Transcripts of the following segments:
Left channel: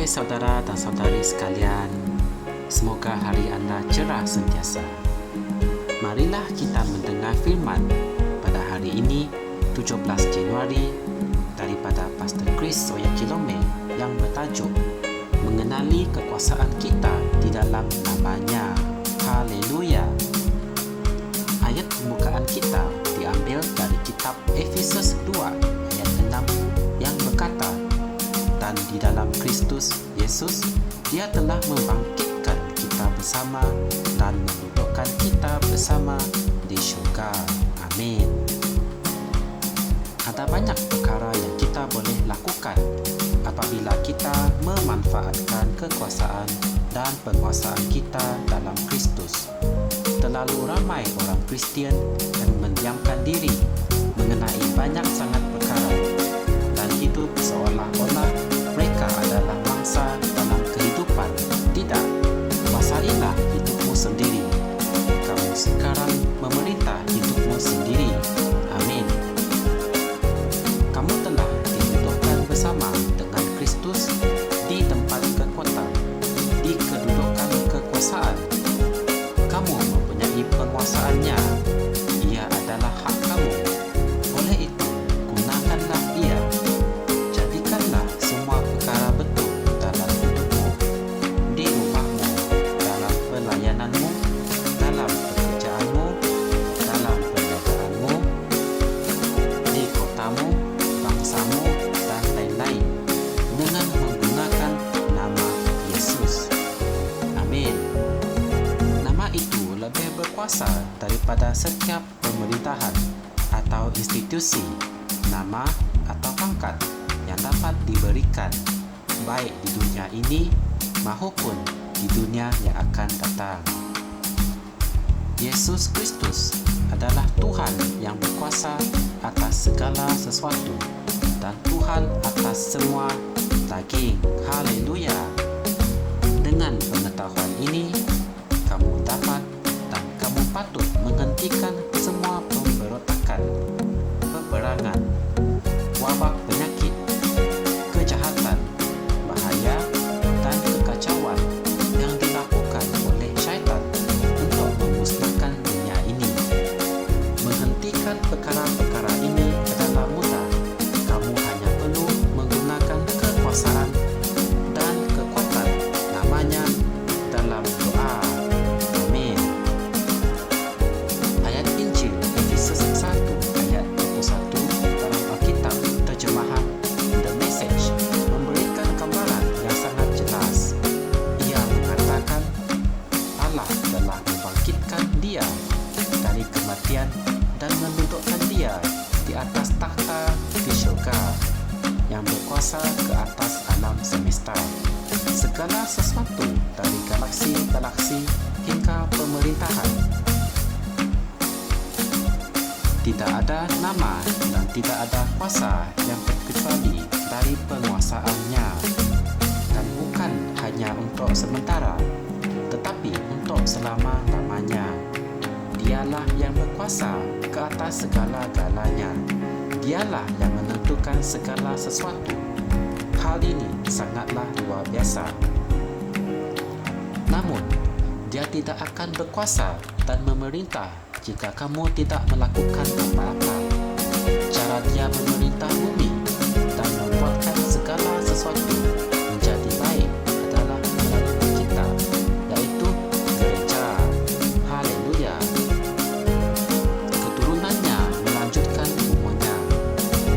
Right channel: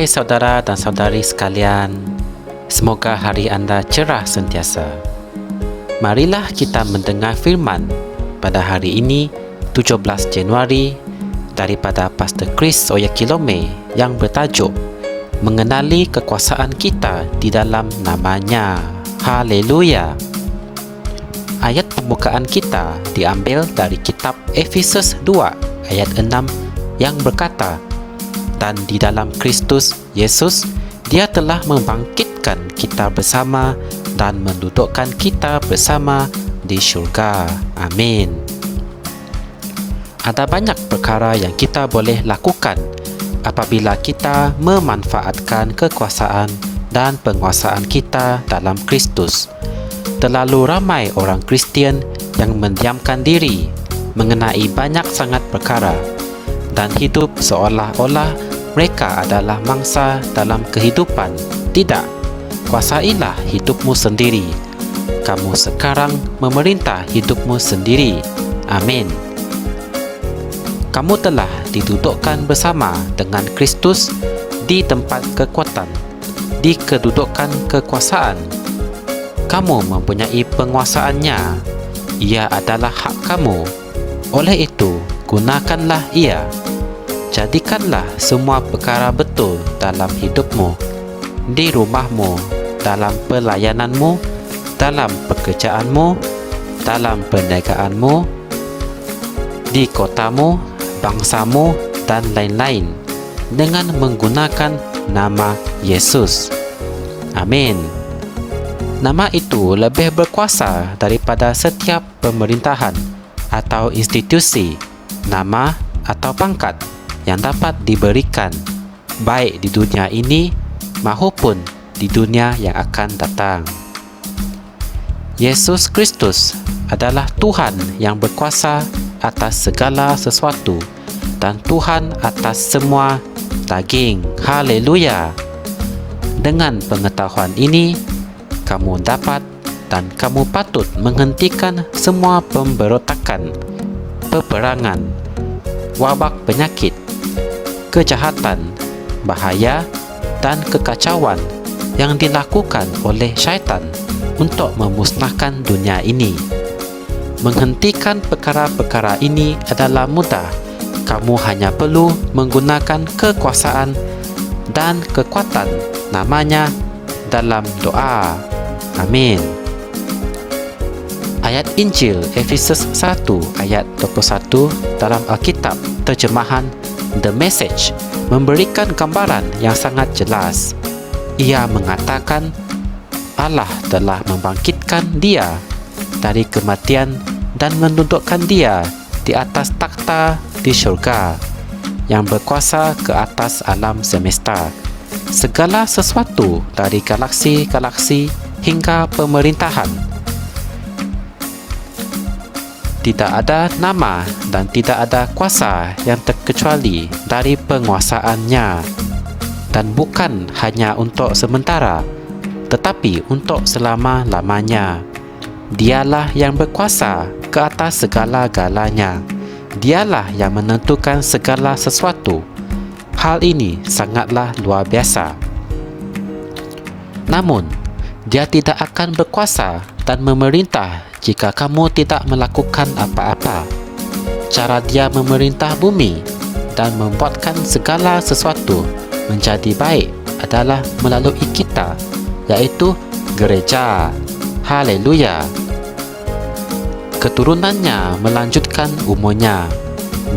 Hai saudara dan saudari sekalian, semoga hari anda cerah sentiasa. Marilah kita mendengar firman pada hari ini, 17 Januari, daripada Pastor Chris Oyakilome yang bertajuk Mengenali Kekuasaan Kita di dalam Namanya. Haleluya! Ayat pembukaan kita diambil dari kitab Efesus 2 ayat 6 yang berkata, dan di dalam Kristus Yesus, Dia telah membangkitkan kita bersama dan mendudukkan kita bersama di syurga. Amin. Ada banyak perkara yang kita boleh lakukan apabila kita memanfaatkan kekuasaan dan penguasaan kita dalam Kristus. Terlalu ramai orang Kristian yang mendiamkan diri mengenai banyak sangat perkara dan hidup seolah-olah mereka adalah mangsa dalam kehidupan. Tidak, kuasailah hidupmu sendiri. Kamu sekarang memerintah hidupmu sendiri. Amin. Kamu telah didudukkan bersama dengan Kristus di tempat kekuatan, di kedudukan kekuasaan. Kamu mempunyai penguasaannya. Ia adalah hak kamu. Oleh itu, gunakanlah ia. Jadikanlah semua perkara betul dalam hidupmu, di rumahmu, dalam pelayananmu, dalam pekerjaanmu, dalam perniagaanmu, di kotamu, bangsamu, dan lain-lain, dengan menggunakan nama Yesus. Amin. Nama itu lebih berkuasa daripada setiap pemerintahan atau institusi, nama atau pangkat yang dapat diberikan, baik di dunia ini maupun di dunia yang akan datang. Yesus Kristus adalah Tuhan yang berkuasa atas segala sesuatu dan Tuhan atas semua daging. Haleluya! Dengan pengetahuan ini, kamu dapat dan kamu patut menghentikan semua pemberontakan, peperangan, wabak penyakit, kejahatan, bahaya, dan kekacauan yang dilakukan oleh syaitan untuk memusnahkan dunia ini. Menghentikan perkara-perkara ini adalah mudah. Kamu hanya perlu menggunakan kekuasaan dan kekuatan namanya dalam doa. Amin. Ayat Injil Efesus 1 ayat 21 dalam Alkitab terjemahan The Message memberikan gambaran yang sangat jelas. Ia mengatakan Allah telah membangkitkan Dia dari kematian dan mendudukkan Dia di atas takhta di syurga, yang berkuasa ke atas alam semesta, segala sesuatu dari galaksi-galaksi hingga pemerintahan. Tidak ada nama dan tidak ada kuasa yang terkecuali dari penguasaannya, dan bukan hanya untuk sementara, tetapi untuk selama-lamanya. Dialah yang berkuasa ke atas segala-galanya. Dialah yang menentukan segala sesuatu. Hal ini sangatlah luar biasa. Namun, Dia tidak akan berkuasa dan memerintah jika kamu tidak melakukan apa-apa. Cara Dia memerintah bumi dan membuatkan segala sesuatu menjadi baik adalah melalui kita, yaitu gereja. Haleluya! Keturunannya melanjutkan umurnya.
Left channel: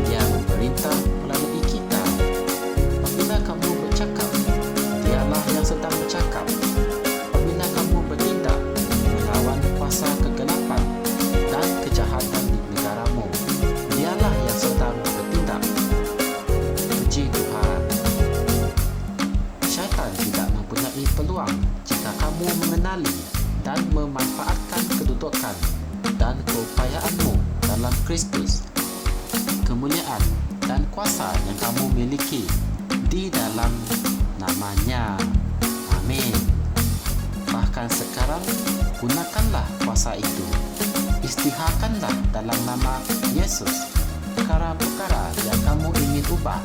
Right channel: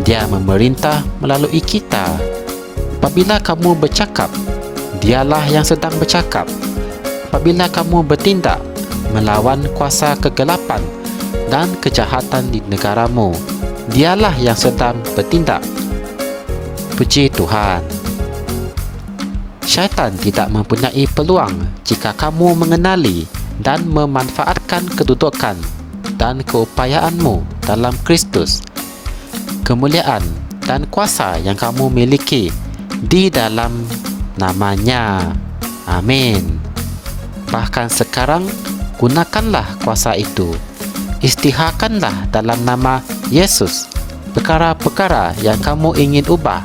Dia memerintah melalui kita. Apabila kamu bercakap, Dialah yang sedang bercakap. Apabila kamu bertindak melawan kuasa kegelapan dan kejahatan di negaramu, Dialah yang sedang bertindak. Puji Tuhan. Syaitan tidak mempunyai peluang jika kamu mengenali dan memanfaatkan kedudukan dan keupayaanmu dalam Kristus, kemuliaan dan kuasa yang kamu miliki di dalam namanya. Amin. Bahkan sekarang, gunakanlah kuasa itu. Isytiharkanlah dalam nama Yesus perkara-perkara yang kamu ingin ubah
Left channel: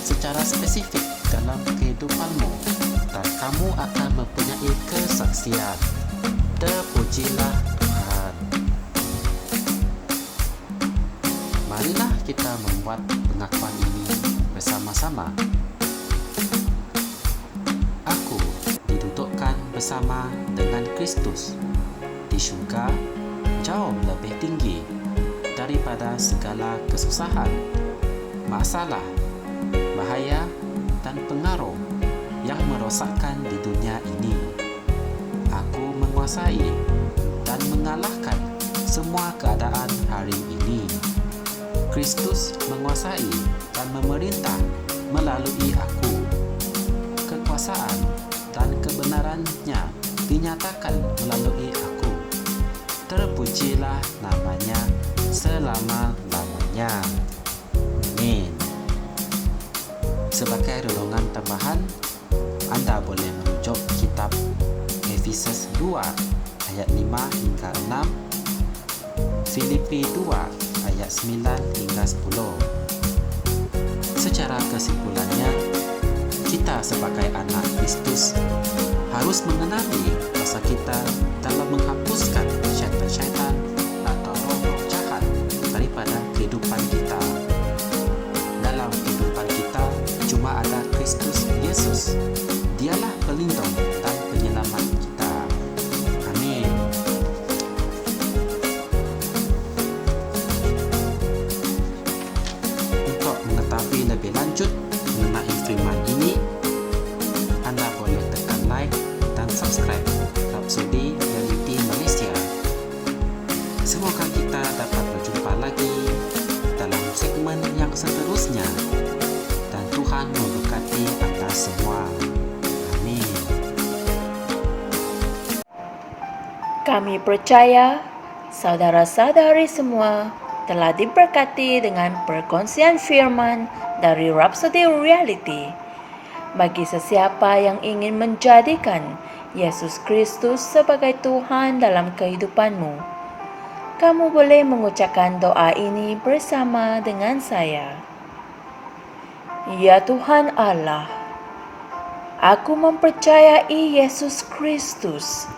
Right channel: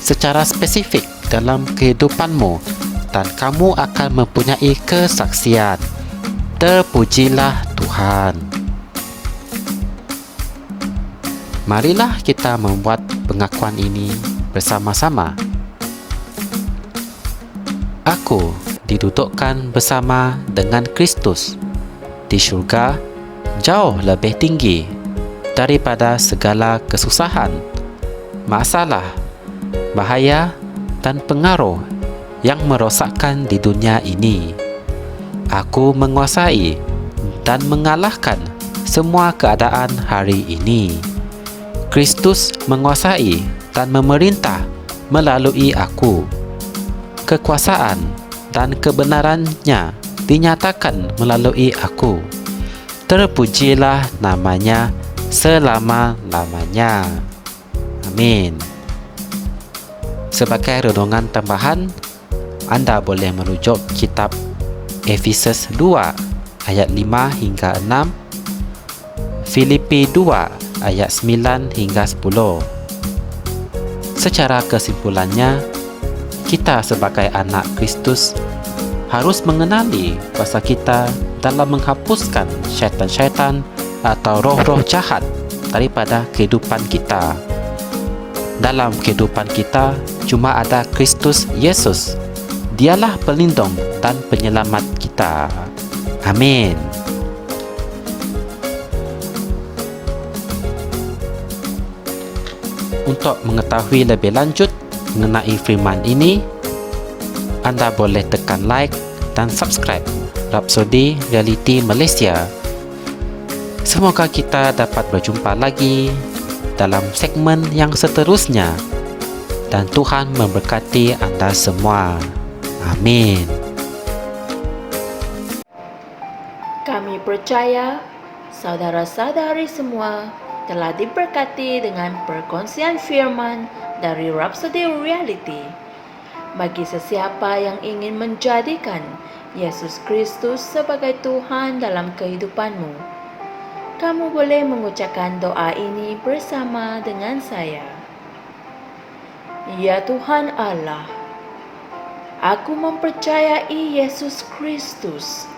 secara spesifik dalam kehidupanmu dan kamu akan mempunyai kesaksian. Terpujilah Tuhan. Marilah kita membuat pengakuan ini bersama-sama. Aku didudukkan bersama dengan Kristus di syurga, jauh lebih tinggi daripada segala kesusahan, masalah, bahaya dan pengaruh yang merosakkan di dunia ini. Aku menguasai dan mengalahkan semua keadaan hari ini. Kristus menguasai dan memerintah melalui aku. Kekuasaan dan kebenarannya dinyatakan melalui aku. Terpujilah namanya selama-lamanya. Amin. Sebagai renungan tambahan, anda boleh merujuk kitab Efesus 2 ayat 5 hingga 6, Filipi 2 ayat 9 hingga 10. Secara kesimpulannya, kita sebagai anak Kristus harus mengenali kuasa kita dalam menghapuskan syaitan-syaitan atau roh-roh jahat daripada kehidupan kita. Dalam kehidupan kita, cuma ada Kristus Yesus. Dialah pelindung dan penyelamat kita. Amin. Untuk mengetahui lebih lanjut mengenai firman ini, anda boleh tekan like dan subscribe Rhapsody Reality Malaysia. Semoga kita dapat berjumpa lagi dalam segmen yang seterusnya, dan Tuhan memberkati anda semua. Amin. Kami percaya saudara-saudari semua telah diberkati dengan perkongsian firman dari Rhapsody Reality. Bagi sesiapa yang ingin menjadikan Yesus Kristus sebagai Tuhan dalam kehidupanmu, kamu boleh mengucapkan doa ini bersama dengan saya. Ya Tuhan Allah, aku mempercayai Yesus Kristus,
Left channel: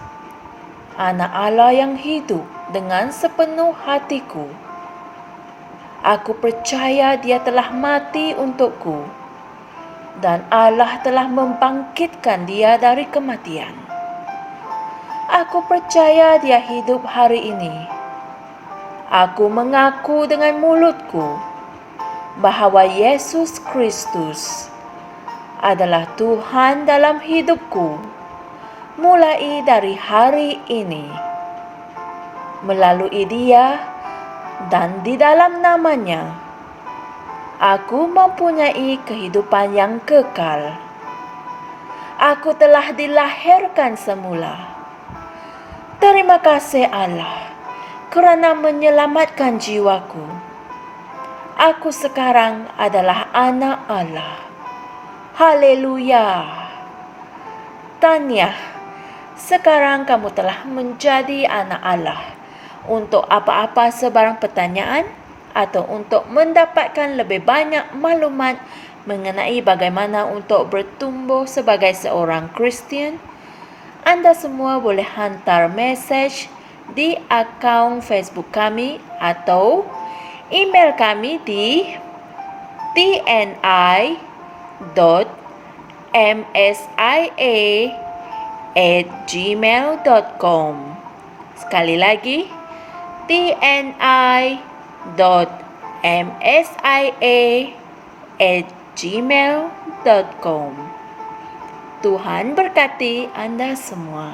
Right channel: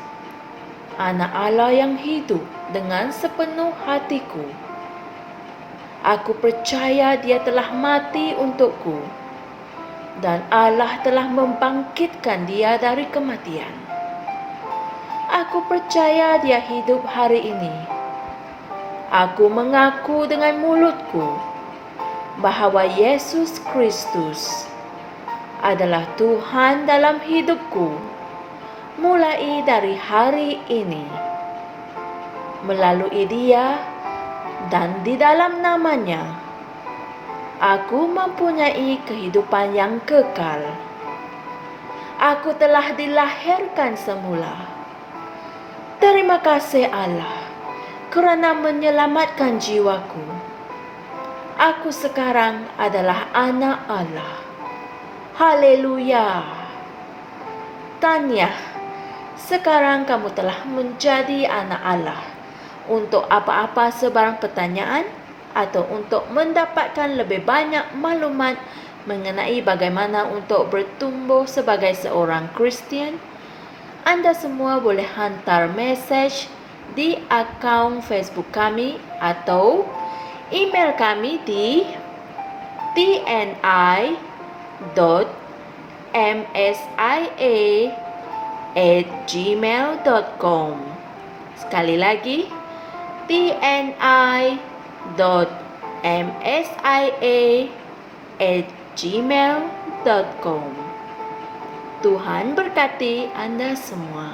Anak Allah yang hidup dengan sepenuh hatiku. Aku percaya Dia telah mati untukku dan Allah telah membangkitkan Dia dari kematian. Aku percaya Dia hidup hari ini. Aku mengaku dengan mulutku bahawa Yesus Kristus adalah Tuhan dalam hidupku mulai dari hari ini. Melalui Dia dan di dalam nama-Nya, aku mempunyai kehidupan yang kekal. Aku telah dilahirkan semula. Terima kasih Allah kerana menyelamatkan jiwaku. Aku sekarang adalah anak Allah. Haleluya. Tahniah, sekarang kamu telah menjadi anak Allah. Untuk apa-apa sebarang pertanyaan atau untuk mendapatkan lebih banyak maklumat mengenai bagaimana untuk bertumbuh sebagai seorang Kristian, anda semua boleh hantar mesej di akaun Facebook kami atau email kami di tni.msia@gmail.com. Sekali lagi, tni.msia@gmail.com. Tuhan berkati anda semua.